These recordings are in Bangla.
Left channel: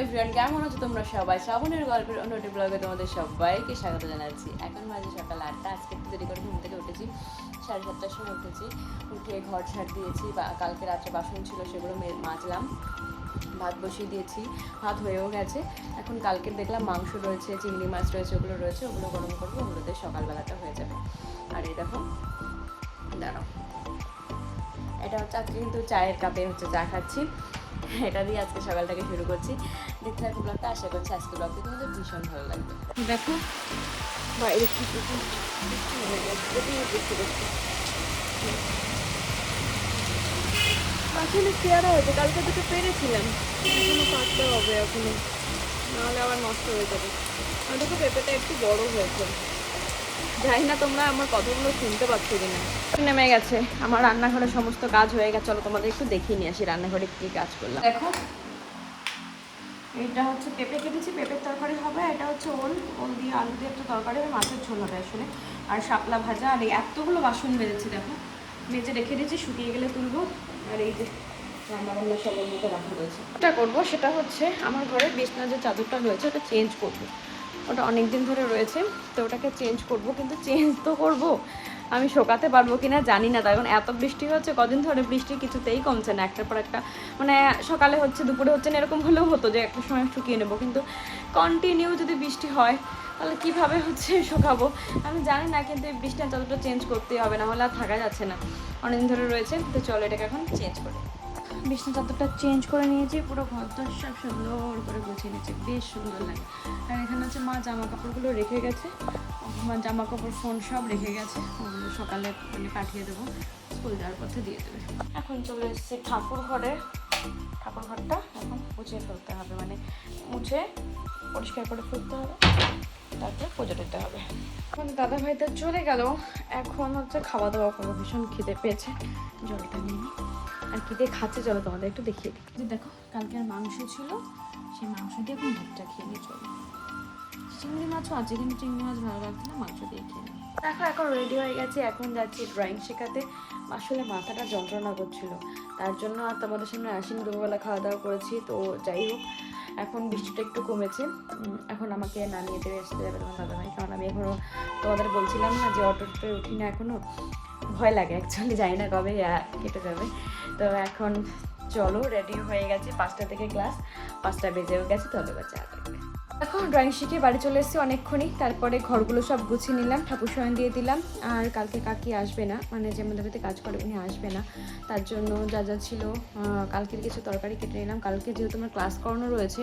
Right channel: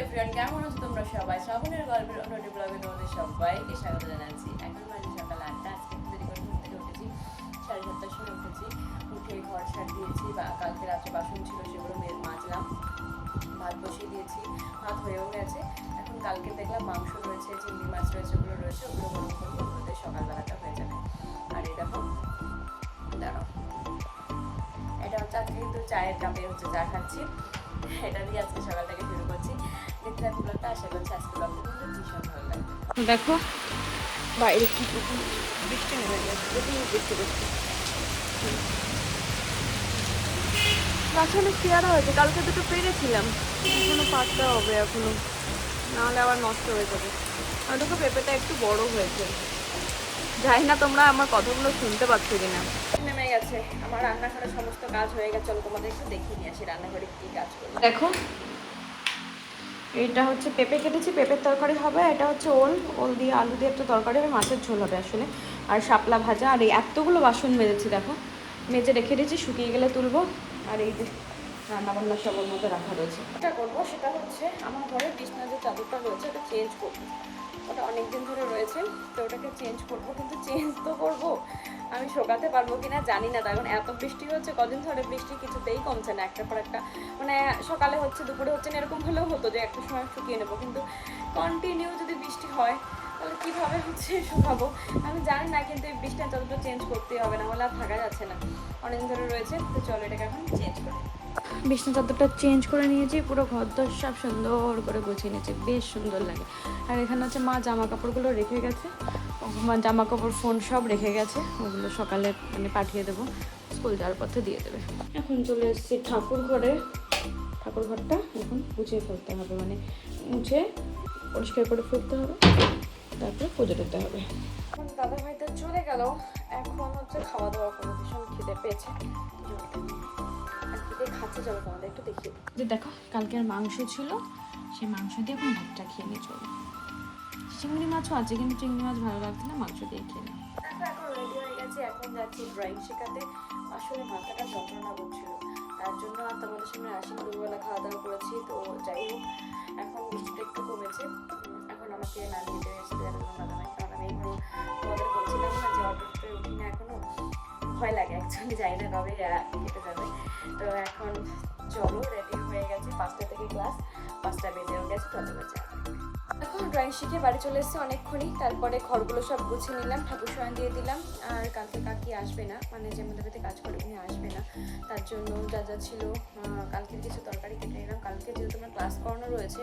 এভরিওয়ান কেমন আছো তোমরা সবাই? শ্রাবণের গল্পের অন্যটি ব্লগে তোমাদের সবাইকে স্বাগত জানাচ্ছি। এখন বাজে সকাল আটটা, আজকে একটু দেরি করে ঘুম থেকে উঠেছি। সাড়ে সাতটার সময় উঠেছি। উঠে ঘর ছাড় দিয়েছি, বা কালকে রাত্রে বাসন ছিল সেগুলো মাজলাম। ভাত বসিয়ে দিয়েছি, ভাত হয়েও গেছে। এখন কালকে দেখলাম মাংস রয়েছে, চিংড়ি মাছ রয়েছে, ওগুলো রয়েছে, ওগুলো গরম করব, ওগুলোতে সকালবেলাটা হয়ে যাবে। আর এই দেখো, দাঁড়াও। এটা হচ্ছে আজকে কিন্তু চায়ের কাপে হচ্ছে চা খাচ্ছি। এটা দিয়ে আজকে সকালটাকে শুরু করছি। দেখতে থাকি ব্লগটা, আশা করছি আজকে ব্লগটা তোমাদের ভীষণ ভালো লাগবে। দেখো, বাইরে বৃষ্টি প্রচুর বৃষ্টি বৃষ্টি আসলে পেয়ারা হয়েছে, কালকে দুটো পেরেছিলাম, এখনও পাততে হবে এখনও। নাহলে আবার নষ্ট হয়ে যাবে। আর দেখো, পেঁপেটা একটু বড় হয়েছে। জানি না তোমরা আমার কথাগুলো শুনতে পাচ্ছ কিনা। নেমে গেছে। আমার রান্নাঘরে সমস্ত কাজ হয়ে গেছে। চলো তোমাদের একটু দেখিয়ে নিয়ে আসি রান্নাঘরে কি কাজ করলাম। দেখো এটা হচ্ছে পেঁপে কেটেছি পেঁপের তরকারি হবে এটা হচ্ছে ওল। ওল দিয়ে আলু দিয়ে একটা তরকারি হবে মাছের ঝোল হবে আসলে। আর শাপলা ভাজা আর এই এতগুলো বাসন মেজেছি দেখো। মেজে রেখে দিয়েছি শুকিয়ে গেলে তুলবো। আর এই যে রান্না বান্না সবার মতো রাখা রয়েছে। যেটা করব সেটা হচ্ছে আমার ঘরে বিছনা যে চাদরটা রয়েছে ওটা চেঞ্জ করব। ওটা অনেক দিন ধরে রয়েছে, তো ওটাকে চেঞ্জ করব, কিন্তু চেঞ্জ তো করব। আমি শোকাতে পারব কিনা জানি না কারণ এত বৃষ্টি হচ্ছে কদিন ধরে বৃষ্টি কিছুতেই কমছে না, একটার পর একটা। মানে সকালে হচ্ছে, দুপুরে হচ্ছে না, এরকম হলেও হতো যে একটা সময় শুকিয়ে নেব, কিন্তু কন্টিনিউ যদি বৃষ্টি হয়, তাহলে কীভাবে হচ্ছে শুকাবো? আমি জানি না, কিন্তু এই বৃষ্টির চাদরটা চেঞ্জ করতেই হবে, না হলে আর থাকা যাচ্ছে না। অনেকদিন ধরে রয়েছে, তো চলো এটাকে এখন চেঞ্জ করি। বিছনা চাদরটা চেঞ্জ করে নিয়েছি, পুরো ঘর দর সব সুন্দর করে গুছিয়ে নিয়েছি, বেশ সুন্দর লাগে। আর এখানে হচ্ছে মা জামা কাপড়গুলো রেখে গেছে, মা জামা কাপড় ফোন সব রেখে গেছে, ওগুলো সকালে মানে পাঠিয়ে দেবো, স্কুল যাওয়ার পথে দিয়ে দেবে। এখন চলে এসেছি ঠাকুর ঘরে। ঠাকুর ঘরটা এখন গুছিয়ে ফেলতে হবে মানে মুছে পরিষ্কার করে ফেলতে হবে। তারপরে পুজো দিতে হবে। এখন দাদা ভাই তো চলে গেল। এখন হচ্ছে খাওয়া দাওয়া করব ভীষণ খিদে পেয়েছে। জলটা নিয়ে আর কি দিয়ে খাচ্ছে চলো তোমাদের একটু দেখিয়ে দিই। যে দেখো কালকে আর মাংস ছিল। সেই মাংস দিয়ে এখন ভাতটা খেয়ে নিয়েছি চিংড়ি মাছও আছে কিন্তু চিংড়ি মাছ ভালো লাগছে না মাংস দিয়ে খেয়ে। দেখো এখন রেডি হয়ে গেছে। এখন যাচ্ছি ড্রয়িং শেখাতে। আসলে মাথাটা যন্ত্রণা করছিল। তার জন্য আর তোমাদের সামনে আসিনি। দুপুরবেলা খাওয়া দাওয়া করেছি, তো যাই হোক, এখন বৃষ্টিটা একটু কমেছে। এখন আমাকে নামিয়ে দেবে আসতে যাবে দাদা ভাই, কারণ আমি এখনও তোমাদের বলছিলাম না যে অটোতে উঠি না এখনও ভয় লাগে অ্যাকচুয়ালি জানি না কবে কেটে যাবে। তো এখন চলো রেডি হয়ে গেছে, পাঁচটা থেকে ক্লাস পাঁচটা বেজেও গেছে বাচ্চা এখন ড্রয়িং শিখে বাড়ি চলে এসেছি অনেকক্ষণই। তারপরে ঘরগুলো সব গুছিয়ে নিলাম, ঠাকুর শয়ন দিয়ে দিলাম। আর কালকে কাকি আসবে না মানে যে আমাদের বাড়িতে কাজ করে উনি আসবে না। তার জন্য যা যা ছিল কালকের কিছু তরকারি কেটে নিলাম। কালকে যেহেতু আমার ক্লাস করানো রয়েছে,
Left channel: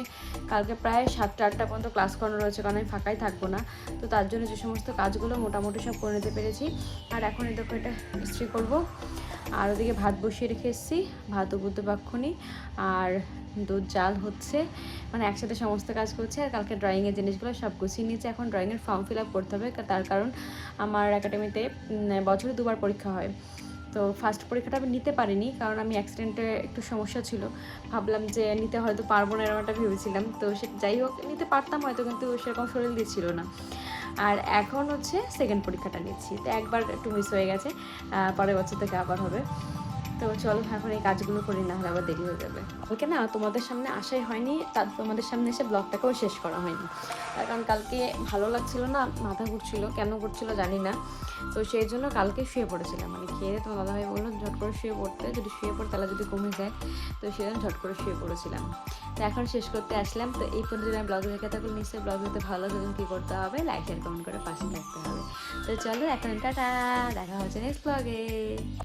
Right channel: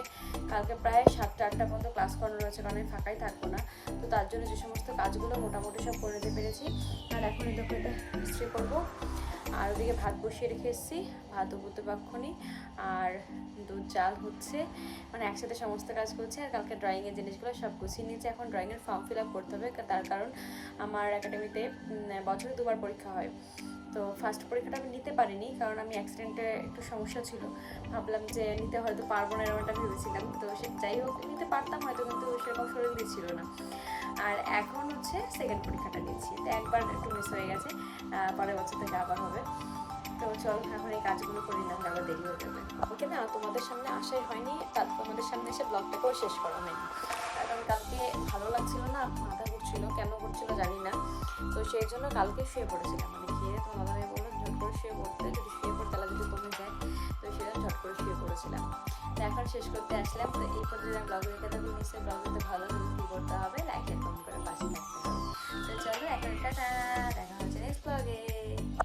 কালকে প্রায় সাতটা, আটটা পর্যন্ত ক্লাস করানো রয়েছে, কারণ আমি ফাঁকাই থাকব না। তো তার জন্য যে সমস্ত কাজগুলো মোটামুটি সব করে নিতে পেরেছি। আর এখন এই দোকানটা ইস্ত্রি করব। আর ওদিকে ভাত বসিয়ে রেখে এসেছি। ভাত উবুতে পাক্ষণি আর দুধ জাল হচ্ছে। মানে একসাথে সমস্ত কাজ করছে আর কালকে ড্রয়িংয়ের জিনিসগুলো সব গুছিয়ে নিয়েছে। এখন ড্রয়িংয়ের ফর্ম ফিল আপ করতে হবে। তার কারণ আমার একাডেমিতে বছরে দুবার পরীক্ষা হয়। তো ফার্স্ট পরীক্ষাটা আমি নিতে পারিনি, কারণ আমি অ্যাক্সিডেন্টে একটু সমস্যা ছিল। ভাবলাম যে নিতে হয়তো পারব না এরকম একটা ভেবেছিলাম। তো সে যাই হোক, নিতে পারতাম হয়তো, কিন্তু সেরকম শরীর দিচ্ছিল না। আর এখন হচ্ছে সেকেন্ড পরীক্ষাটা নিচ্ছি। তো একবার একটু মিস হয়ে গেছে পরের বছর থেকে আবার হবে। তো চলো এখন এই কাজগুলো করি না হলে আবার দেরি হয়ে যাবে। কালকে না তোমাদের সামনে আসাই হয়নি তার তোমাদের সামনে এসে ব্লগটাকেও শেষ করা হয়নি। কারণ কালকে ভালো লাগছিল না, মাথা ঘুরছিল, কেন ঘুরছিল জানি না। তো সেই জন্য কালকে শুয়ে পড়েছিলাম মানে খেয়ে তোমার দাদাভাই বলল, ঝট করে শুয়ে পড়তে, যদি শুয়ে পড়ে তাহলে যদি কমে যায়। তো সেজন্য ঝট করে শুয়ে পড়েছিলাম। তো এখন শেষ করতে আসলাম, তো এই পর্যন্ত ব্লগ দেখে থাকলে নিশ্চয়ই ব্লগ দেখতে ভালো লাগলে কী করতে হবে লাইক এর কমেন্ট করে পাশে থাকতে হবে। তো চলো এখন টাটা, দেখা হচ্ছে নেক্সট ব্লগে